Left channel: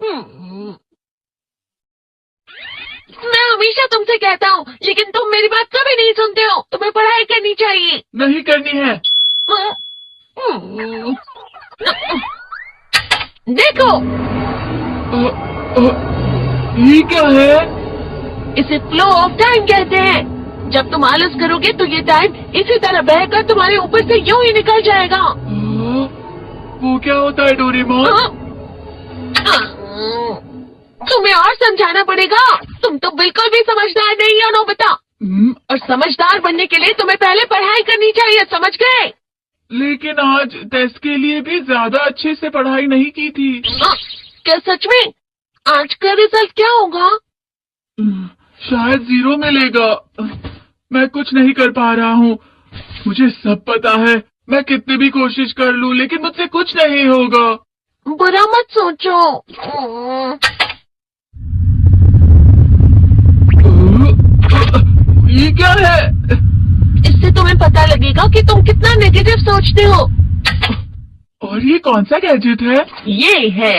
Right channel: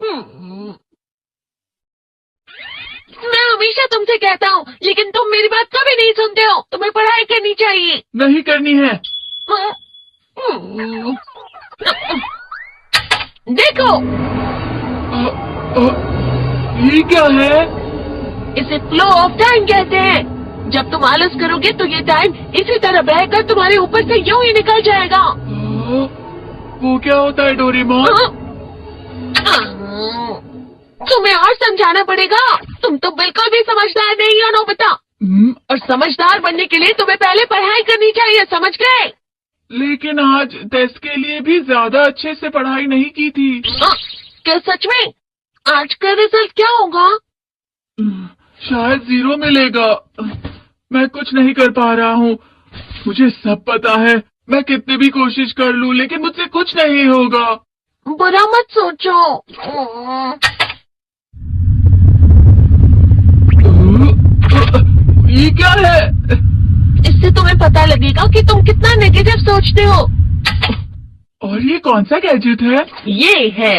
मैं हमेशा तुमसे कहता हूँ, लेकिन तुम मेरी बात कभी नहीं सुनते हो। तुम्हें पढ़ाई करनी चाहिए। नहीं करनी है। देखो, ये क्या है? इसे फ्लो ऑफ टाइम कहते हैं। जब तुम आलस करोगे तो ये टाइम इसी तरह बहकर तुम्हारे ऊपर से यूं ही निकल जाएगा। वो क्या होता है डोरेमोन? तुम्हें और समझाना पड़ेगा। तुम तो बिल्कुल भी समझदार नहीं हो नोबिता। और समझदार बनने के लिए तुम्हें पहले पढ़ाई करनी चाहिए, समझ गए? लेकिन आज टेस्ट के लिए भी ज्यादा अच्छे से पढ़ाई नहीं की थी। क्या सच में? आज का रिजल्ट क्या होगा? शायद 0 मिलेगा। मैं कुछ नहीं कर पा रहा हूँ। मुझे सब पता है। मैं कितनी भी कोशिश कर लूँ, लेकिन मुझसे कुछ नहीं होगा। बुरा मत सोचो। ये क्या है? इससे तुम्हें पता लगेगा कि तुम कितना नेगेटिव सोचते हो। और ये कौन सा गैजेट है? ये है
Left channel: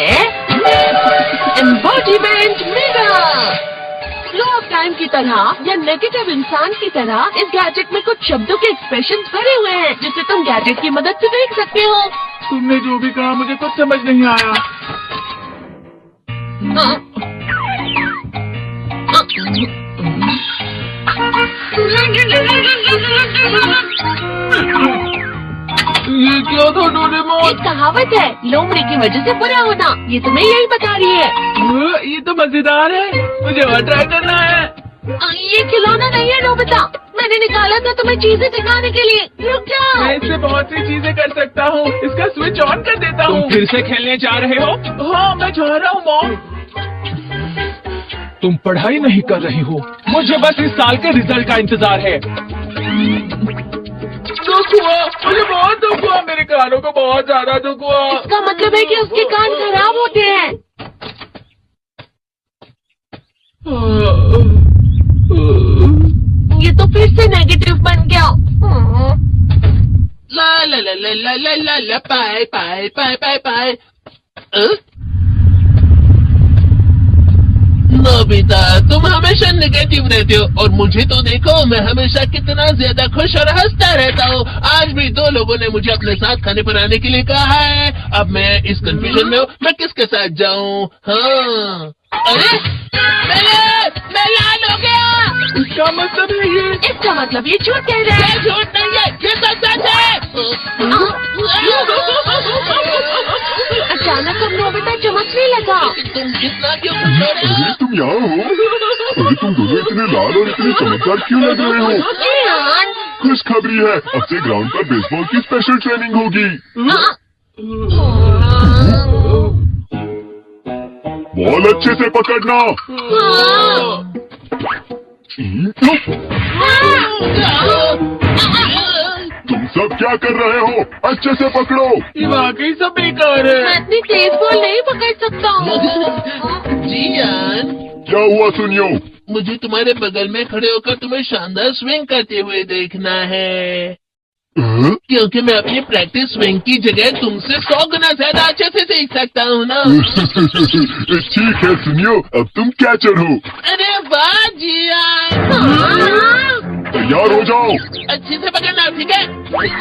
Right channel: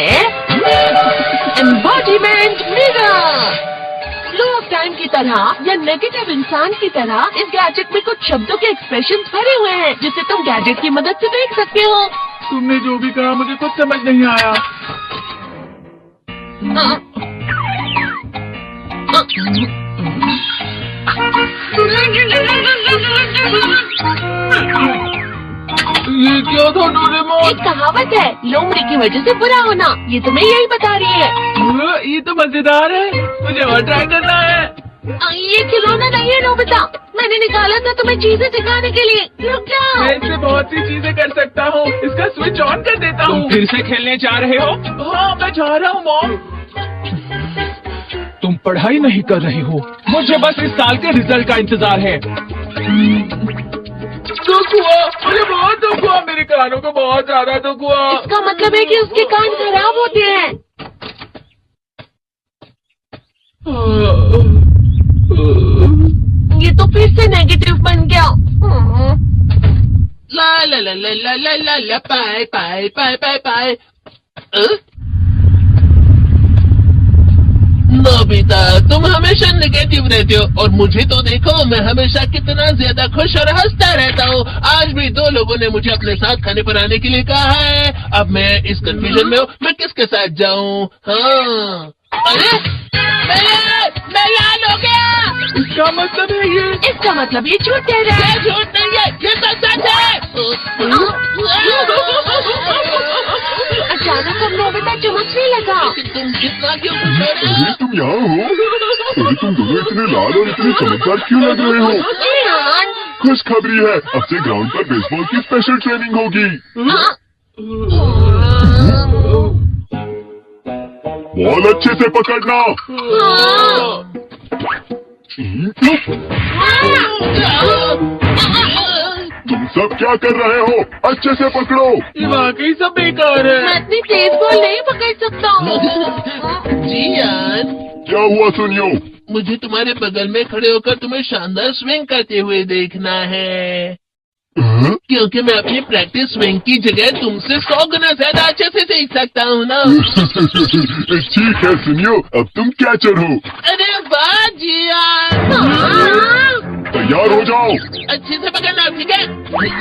embodiment mirror. Flow of time की तरह या नेगेटिव इंसान की तरह इस गैजेट में कुछ शब्दों के एक्सप्रेशंस भरे हुए हैं, जिसे तुम गैजेट की मदद से देख सकते हो। तुमने जो भी कहा मुझे कुछ समझ नहीं आया। ये क्या था डोरेमोन? एक कहावत है, लोमड़ी की वजह से बुरा होना। ये तुम्हें यही बता रही है। ये तो मजेदार है। मुझे और ट्राई करना है। ये खिलौना नहीं है नोबिता। मैंने निकाला था तुम्हें चीजें सिखाने के लिए। रुक जाओ। मैं इससे बहुत सी चीजें कर सकता हूँ। इसका स्विच ऑन कर देता हूँ। फिर से खेलने जा रहे हो? हाँ, मैं जा रहा हूँ मॉम। तुम पढ़ाई नहीं कर रही हो। मुझे बस इस साल के रिजल्ट का इंतजार है। दुख हुआ, मुझे बहुत दुख हुआ। मेरे कानों को बहुत ज्यादा दुख हुआ। इसका मतलब है कि उसके कान खराब होते हैं। ये तो फिर से नेगेटिव बन गया। ला ला ला ला ला ला ला ला पाए पाए पाए पाए पाए। नोबिता, तुम हमेशा नेगेटिव रहते हो और मुझे तो देखो, मैं हमेशा कितना ज्यादा खुश और हंसता रहता हूँ। आज भी 2 लोगों ने मुझे अपने साथ खाने पर आने के लिए कहा है। अब मैं इस कंफ्यूजन में हूँ, मैं किसके साथ जाऊँ? हाँ, अरे मैं लाल हो गया। इसका मतलब है ये? इसका मतलब ये झूठ कह रहा है। ये झूठ नहीं है, ये तो सच है। अचानक हम नोबिता चमकने लगा। तुम कितना क्यों खुश हो रहे हो? तुम यहाँ हो? अरे तुम दोनों इतने लाल और इतने चमकदार क्यों लग रहे हो? ईरान। खुशखबरी है, अब से ग्राउंड पर बेसबॉल की स्पेशल ट्रेनिंग होगी। बॉल अच्छे से पकड़ना। तुम सब क्या कर रहे हो? अच्छे से पकड़ो। ये वाकई सब बेकार है। मैं इतनी तेज बॉल नहीं पकड़ सकता हूँ। जियान, क्या हुआ सुनियो? मुझे तुम्हारे बगल में खड़े होकर तुम्हें शानदार स्विंग करते हुए देखना है, क्योंकि मैं अपनी प्रैक्टिस स्विंग की जगह तुमसे 100 गुना ज्यादा अच्छे से सीख सकता हूँ ना। ठीक है सुनियो, अब तुम कैचर हो। अरे वाह जियान, तैयार हो जाओ। अच्छे से पकड़ना, ठीक है?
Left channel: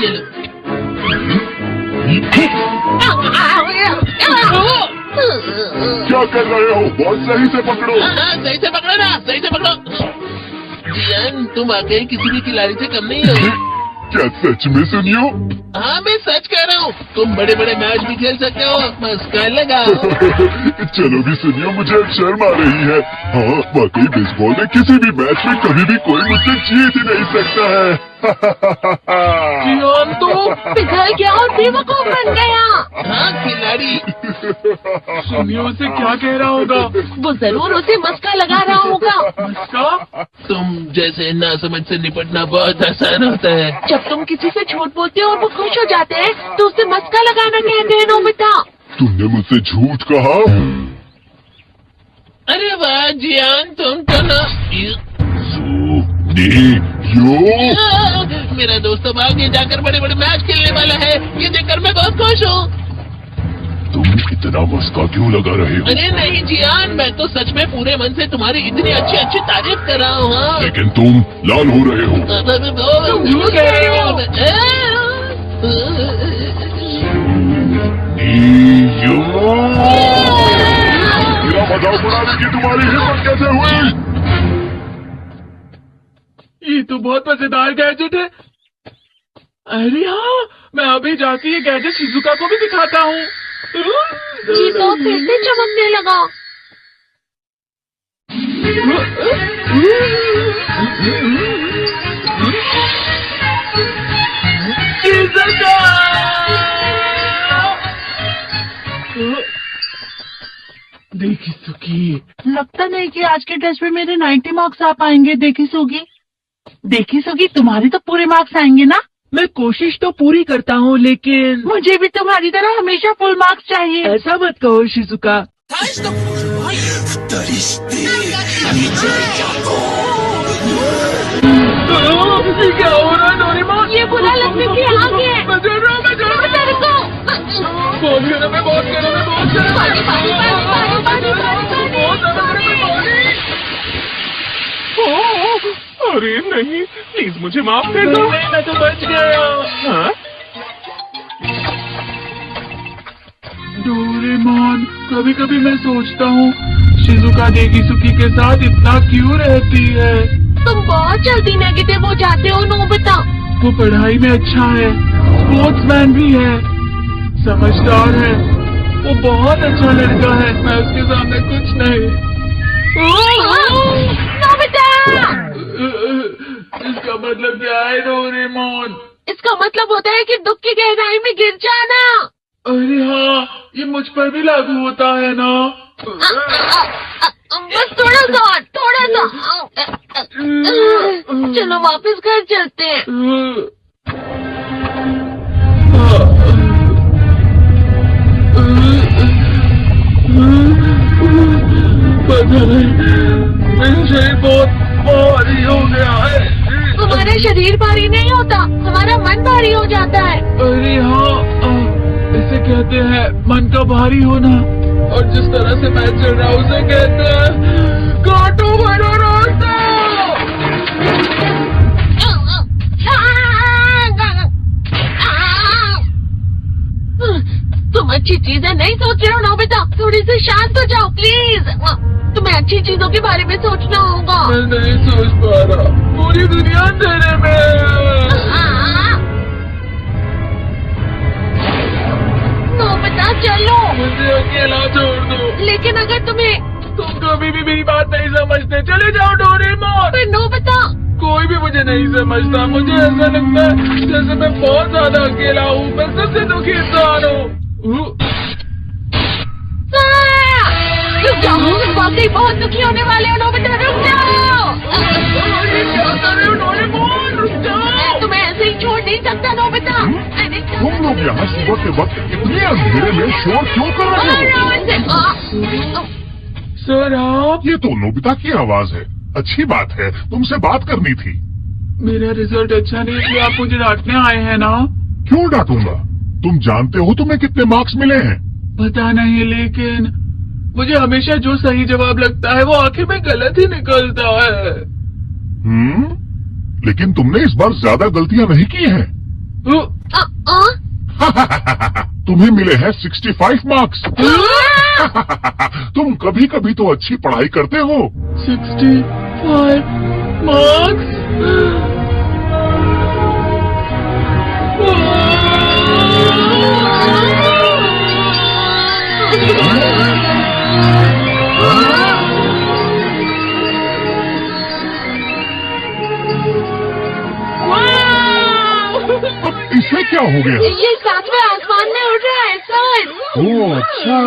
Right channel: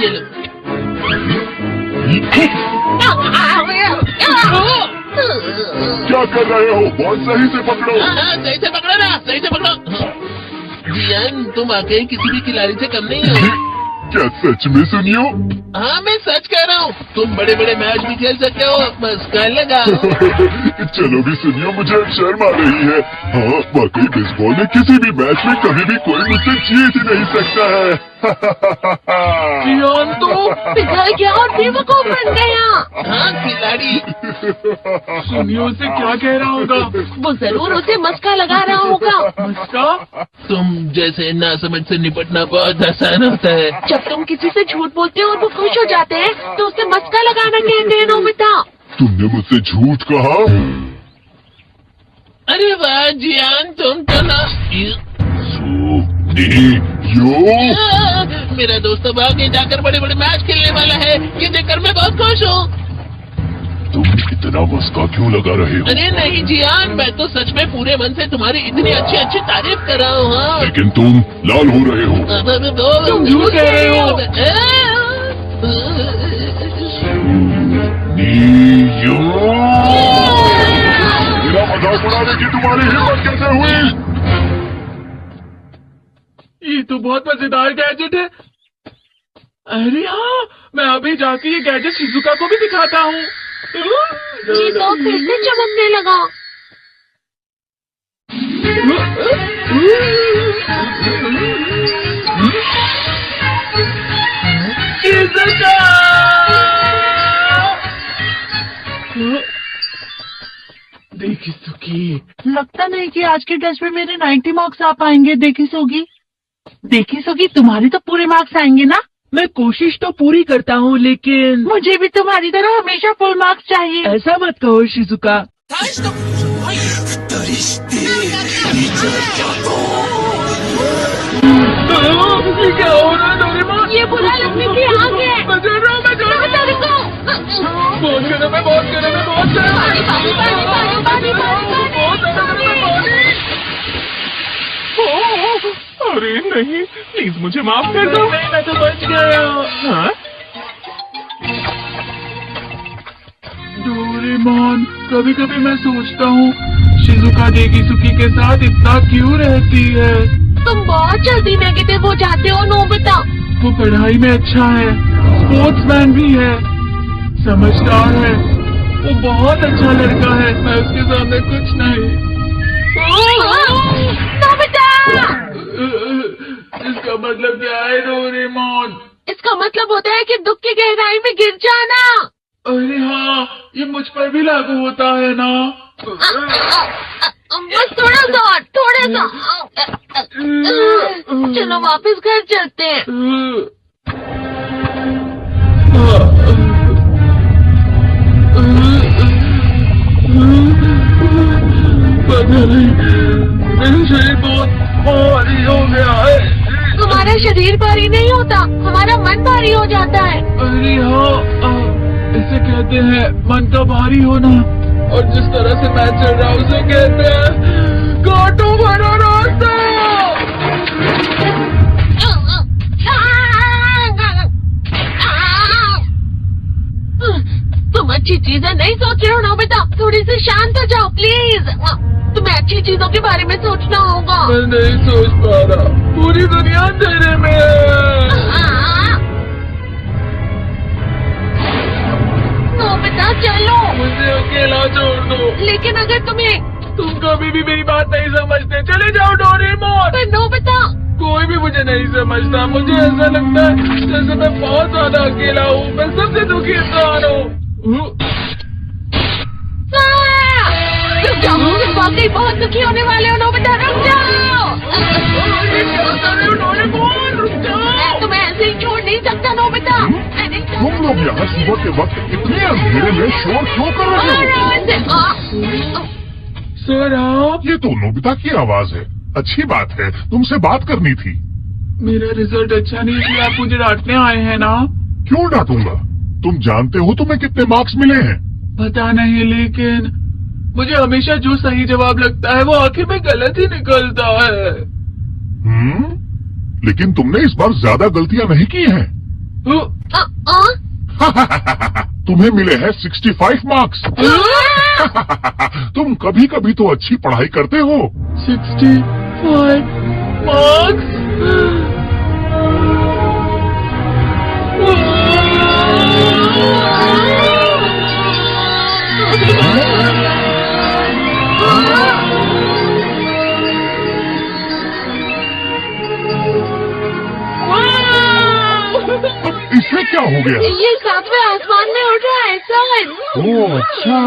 ये लो। क्या कर रहे हो? बॉल सही से पकड़ो। हाँ, सही से पकड़ो ना, सही से पकड़ो। जियान, तुम वाकई किसी भी खिलाड़ी से कम नहीं हो। क्या सच में सुनियो? हाँ, मैं सच कह रहा हूँ। तुम बड़े बड़े मैच भी खेल सकते हो, बस कर लगा। चलो भी सुनियो, मुझे अब शर्म आ रही है। हाँ, वाकई बेसबॉल में किसी भी मैच में कभी भी कोई मुझसे जीत ही नहीं सकता है। जियान तो पिघल गया और बेवकूफ बन गया। हाँ, खिलाड़ी। सुनियो से क्या कह रहा होगा? वो जरूर उसे मस्का लगा रहा होगा। उसका? तुम जैसे नासमझ से निपटना बहुत आसान होता है। जब तुम किसी से झूठ बोलते हो और वो खुश हो जाते हैं तो उसे मस्का लगाना कहते हैं नोबिता। तुमने मुझसे झूठ कहा? अरे वाह जियान, तुम तो ना। मेरा दोस्त अब आगे जाकर बड़े बड़े मैच खेलने वाला है। ये देखकर मैं बहुत खुश हूँ। तुम इतना मस्का क्यों लगा रहे हो? अरे नहीं जियान, मैं तो सच में पूरे मन से तुम्हारी इतनी अच्छी अच्छी तारीफ कर रहा हूँ। हाँ। लेकिन तुम लाल हो रहे हो। तुम झूठ कह रहे हो। मेरा मजाक बनाने की तुम्हारी हिम्मत कैसे हुई? ये तो बहुत मजेदार गैजेट है। अरे हाँ, मैं अभी जाके ये गैजेट शिजुका को भी दिखाता हूँ। ये तो फिर से चमकने लगा। देखी सुखी, लगता नहीं कि आज के टेस्ट में मेरे 90 मार्क्स आ पाएंगे। देखी सुगी, तुम्हारे तो पूरे मार्क्स आएंगे ना? मैं कोशिश तो पूरी करता हूँ, लेकिन मुझे भी तुम्हारी तरह हमेशा फुल मार्क्स चाहिए। ऐसा मत कहो शिजुका। ये क्या हो रहा है डोरेमोन? ये बुरा लगने की आग है। बहुत गर्म है, बहुत गर्म है, बहुत गर्म है। अरे नहीं, प्लीज मुझे माफ कर दो। नहीं, मैं तो बच गया। हाँ? डोरेमोन, कभी कभी मैं सोचता हूँ शिजुका देगिसुकी के साथ इतना क्यों रहती है। तुम बहुत जल्दी नेगेटिव हो जाते हो नोबिता। वो पढ़ाई में अच्छा है, स्पोर्ट्समैन भी है, समझदार है, वो बहुत अच्छा लड़का है। मैं उसके सामने कुछ नहीं। नोबिता! इसका मतलब क्या है डोरेमोन? इसका मतलब होता है कि दुख की गहराई में गिर जाना। अरे हाँ, ये मुझ पर भी लागू होता है ना। बस थोड़ा सा। चलो वापस घर चलते हैं। मेरा शरीर बहुत भारी हो गया है। तुम्हारा शरीर भारी नहीं होता, हमारा मन भारी हो जाता है। अरे हाँ, इसे कहते हैं मन का भारी होना। और जिस तरह से मैं चल रहा हूँ उसे कहते हैं कांटों भरा रास्ता। तुम अच्छी चीजें नहीं सोच रहे हो नोबिता, थोड़ी सी शांत हो जाओ प्लीज। तुम्हें अच्छी चीजों के बारे में सोचना होगा। मैं नहीं सोच पा रहा, पूरी दुनिया अंधेरे में है। नोबिता चलो। मुझे अकेला छोड़ दो। लेकिन अगर तुम कभी भी मेरी बात नहीं समझते, चले जाओ डोरेमोन। फिर नोबिता। कोई भी मुझे नहीं समझता। मुझे ऐसा लगता है जैसे मैं बहुत ज्यादा अकेला हूँ। मैं सबसे दुखी इंसान हूँ। रुक जाओ, तुम वाकई बहुत दुखी होने वाले हो नोबिता, रुक जाओ। मैं तुम्हें ऐसे ही छोड़ नहीं सकता नोबिता। तुम लोग यहाँ सुबह के वक्त इतने अंधेरे में शोर क्यों कर रहे हो? सर आप? ये तो नोबिता की आवाज है। अच्छी बात है, तुमसे बात करनी थी। मेरा रिजल्ट अच्छा नहीं है, आप मुझे डांटने आए हैं ना? क्यों डांटूंगा? तुम जानते हो तुम्हें कितने मार्क्स मिले हैं? पता नहीं, लेकिन मुझे हमेशा जो सही जवाब लगता है वो आखिर में गलत ही निकलता है। लेकिन तुमने इस बार ज्यादा गलतियां नहीं की हैं। तुम्हें मिले हैं 65 मार्क्स। तुम कभी कभी तो अच्छी पढ़ाई करते हो। 65 मार्क्स? इसे क्या हो गया? ये सातवें आसमान में उड़ रहा है सर। ओह अच्छा।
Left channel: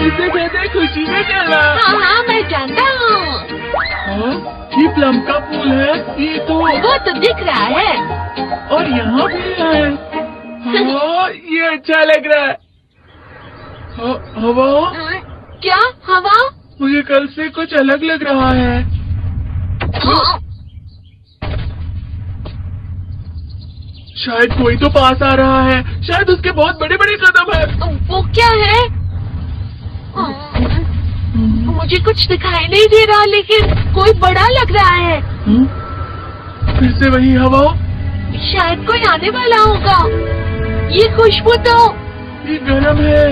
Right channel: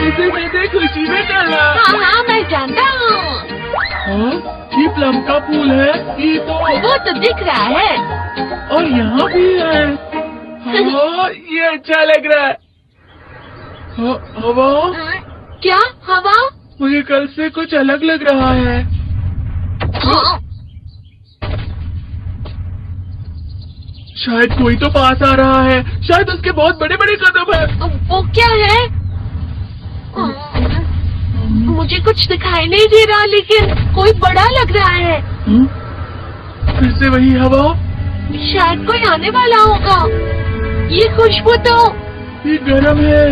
इसे कहते खुशी में चला। हाँ मैं जानता हूँ। ये प्लम का फूल है। ये तो वो तो दिख रहा है। और यहाँ भी है। हाँ, ये अच्छा लग रहा है। हवा? क्या हवा? मुझे कल से कुछ अलग लग रहा है। शायद कोई तो पास आ रहा है, शायद उसके बहुत बड़े बड़े कदम है। वो क्या है? मुझे कुछ दिखाई नहीं दे रहा, लेकिन कोई बड़ा लग रहा है। फिर से वही हवा। शायद कोई आने वाला होगा। ये खुशबू तो ये गर्म है।